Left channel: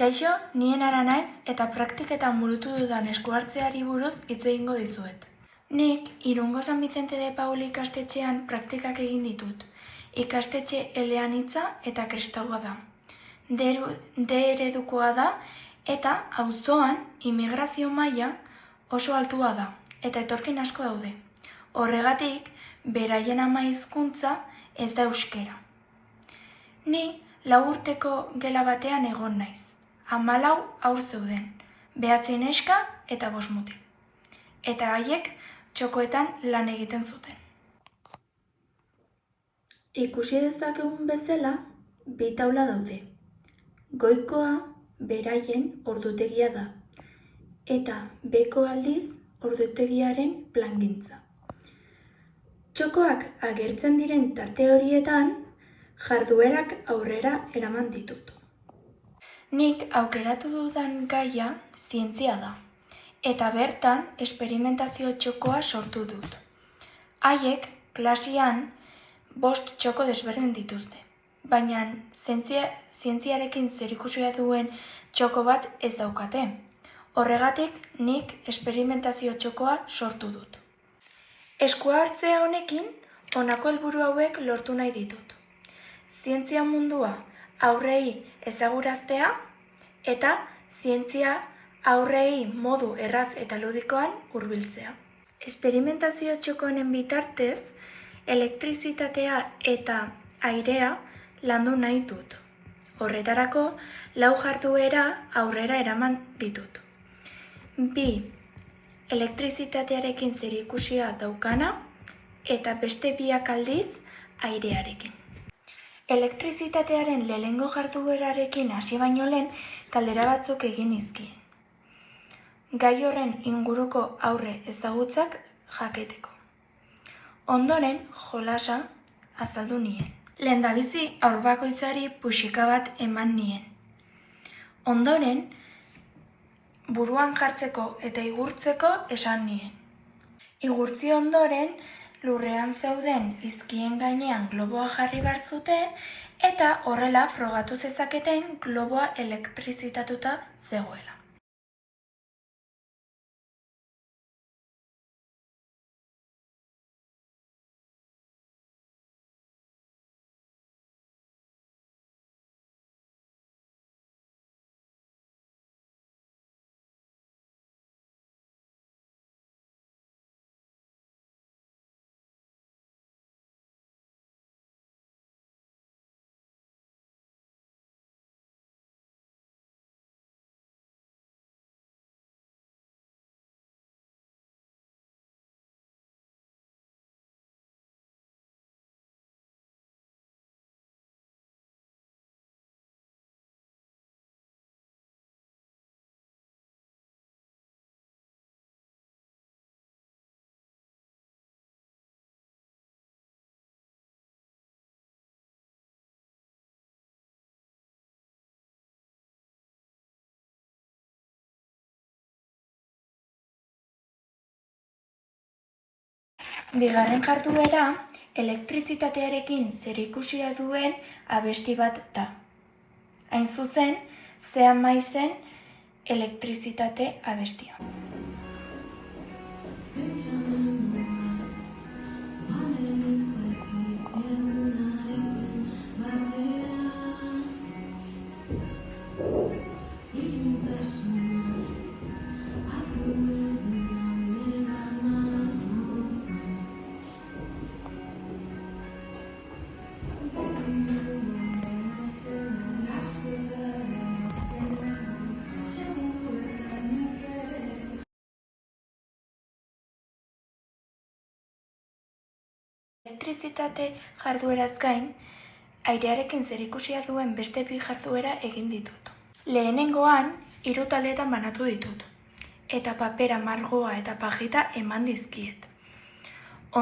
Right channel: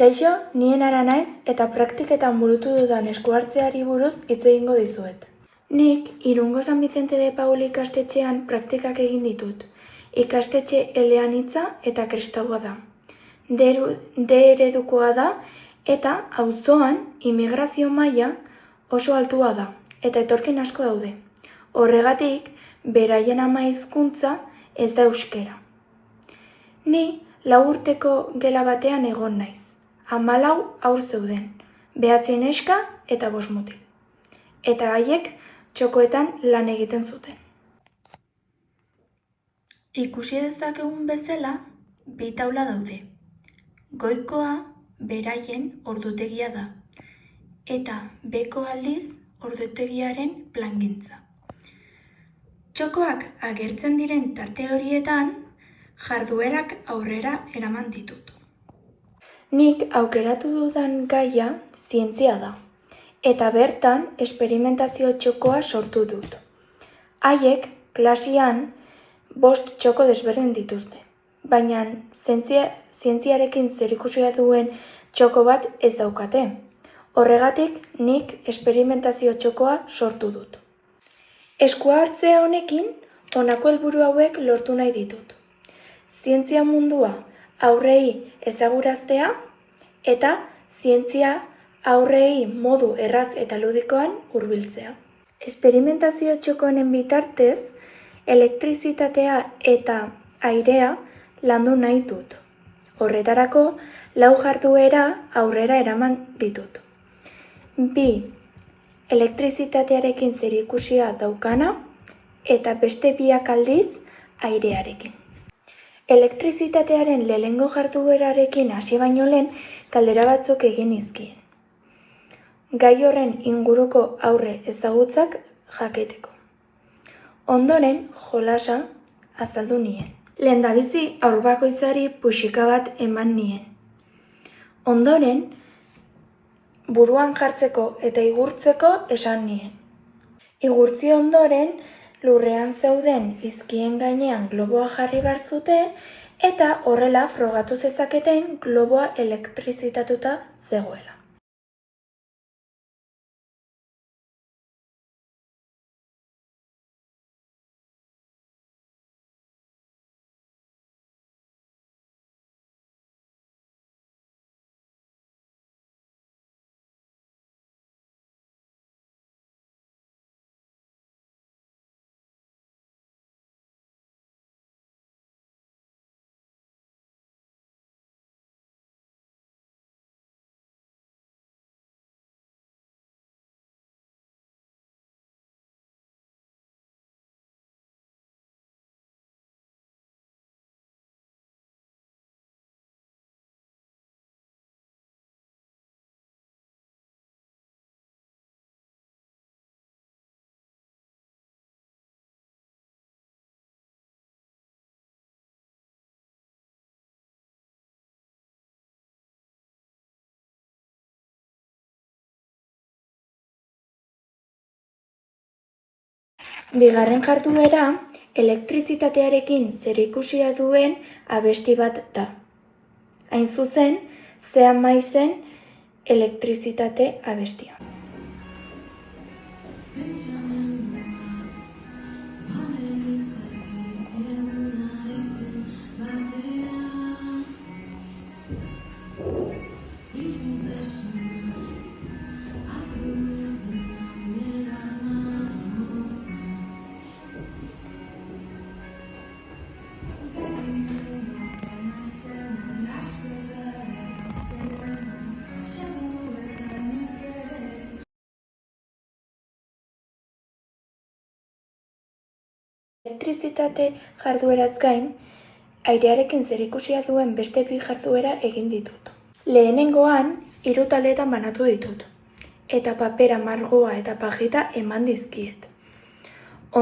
Kaixo, nien Ara naiz eta praktiketan burutu dudan eskuhartzeari buruz hitz egingo dizuet. Nik Irungo San Vicente de Paul ikastetxean praktikak egin ditut. Ikastetxe eleanitza eta kristaua da. D eredukoa da eta auzoan immigrazio maila oso altua da eta etorkin asko daude. Horregatik, beraien ama hizkuntza ez da euskera. Ni 4 urteko gela batean egon naiz. 14 haur zeuden, 9 neska eta 5 mutil. Eta haiek txokoetan lan egiten zuten. Ikusi dezakegun bezala, 2 taula daude. Goikoa beraien ordutegia da, eta beheko aldiz ordutegiaren plangintza. Txokoak agertzen diren tarte horietan, jarduerak aurrera eraman ditut. Nik aukeratu dudan gaia zientzia da, eta bertan esperimentazio txokoa sortu dut. Haiek klasean 5 txoko desberdin dituzte, baina zientziarekin zerikusia duen txoko bat ez daukate. Horregatik nik esperimentazio txokoa sortu dut. Eskuhartze honekin honako helburu hauek lortu nahi ditut. Zientzia mundua aurrei ezaguraztea eta zientzia aurrei modu erraz eta ludikoan hurbiltzea. Esperimentazio txoko honen bitartez, elektrizitatea eta airea landu nahi dut. Horretarako, 4 jarduera aurrera eraman ditut. 2 elektrizitatearekin zerikusia daukana eta beste 2 aldiz airearekin. Elektrizitatearen lehenengo jarduerarekin hasi baino lehen galdera batzuk egin nizkien. Gai horren inguruko aurre ezagutzak jakiteko. Ondoren jolasa azaldu nien. Lehendabizi haur bakoitzari puxika bat eman nien. Ondoren buruan jartzeko eta igurtzeko esan nien. Igurtzi ondoren lurrean zeuden izkien gainean globoa jarri behar zuten eta horrela frogatu zezaketen globoa elektrizitatuta zegoela. Bigarren jarduera, elektrizitatearekin zerikusia duen abesti bat da. Hain zuzen, Sea Maizen elektrizitate abestia. Elektrizitate jardueraz gain, airearekin zerikusia duen beste 2 jarduera egin ditut. Lehenengoan, 3 taldeetan banatu ditut, eta papera, margoa eta pajita eman dizkiet.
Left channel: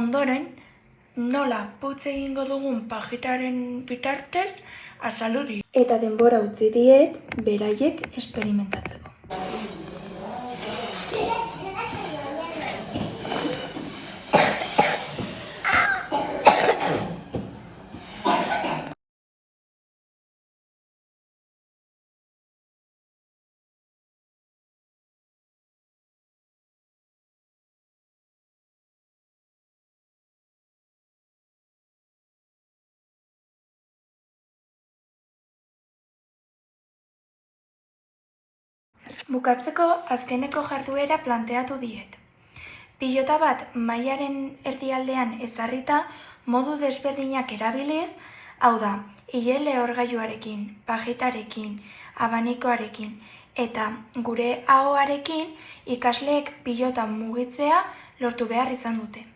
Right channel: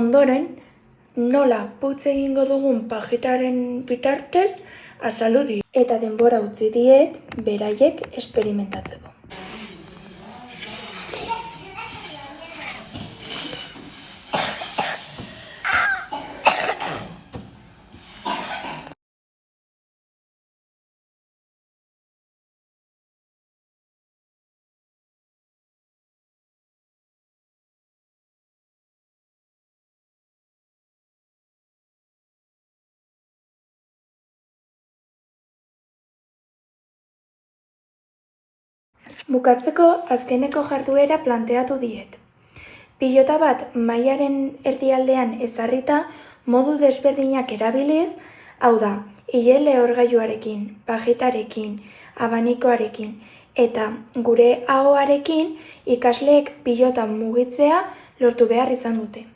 Ondoren, nola putz egingo dugun pajitaren bitartez azaldu dit, eta denbora utzi diet beraiek esperimentatzeko. Bukatzeko azkeneko jarduera planteatu diet. Pilota bat mailaren erdialdean ezarrita modu desberdinak erabiliz, hau da, ile lehorgailuarekin, pajitarekin, abanikoarekin eta gure ahoarekin ikasleek pilota mugitzea lortu behar izan dute.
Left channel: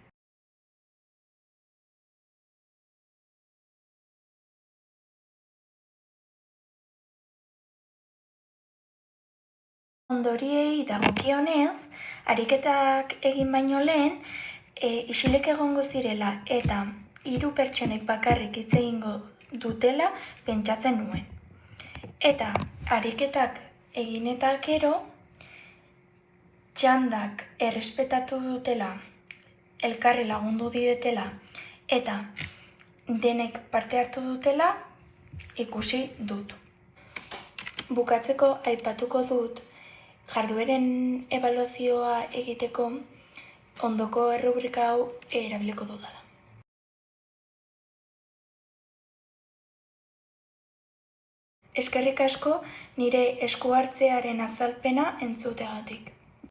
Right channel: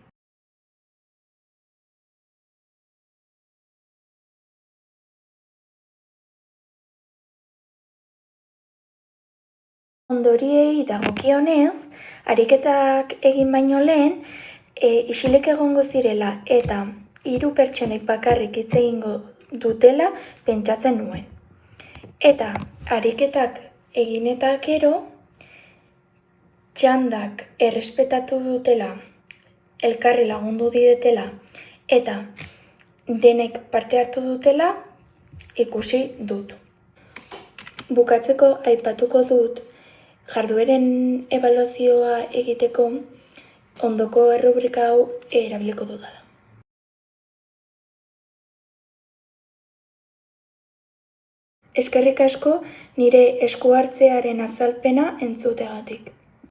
Ondoriei dagokionez, ariketak egin baino lehen, isilik egongo zirela eta 3 pertsonek bakarrik hitz egingo dutela pentsatzen nuen. Eta ariketak egin eta gero, txandak errespetatu dutela, elkarri lagundu dietela eta denek parte hartu dutela ikusi dut. Bukatzeko aipatuko dut jardueren ebaluazioa egiteko ondoko errubrika hau erabiliko dudala. Eskerrik asko nire esku hartzearen azalpena entzuteagatik.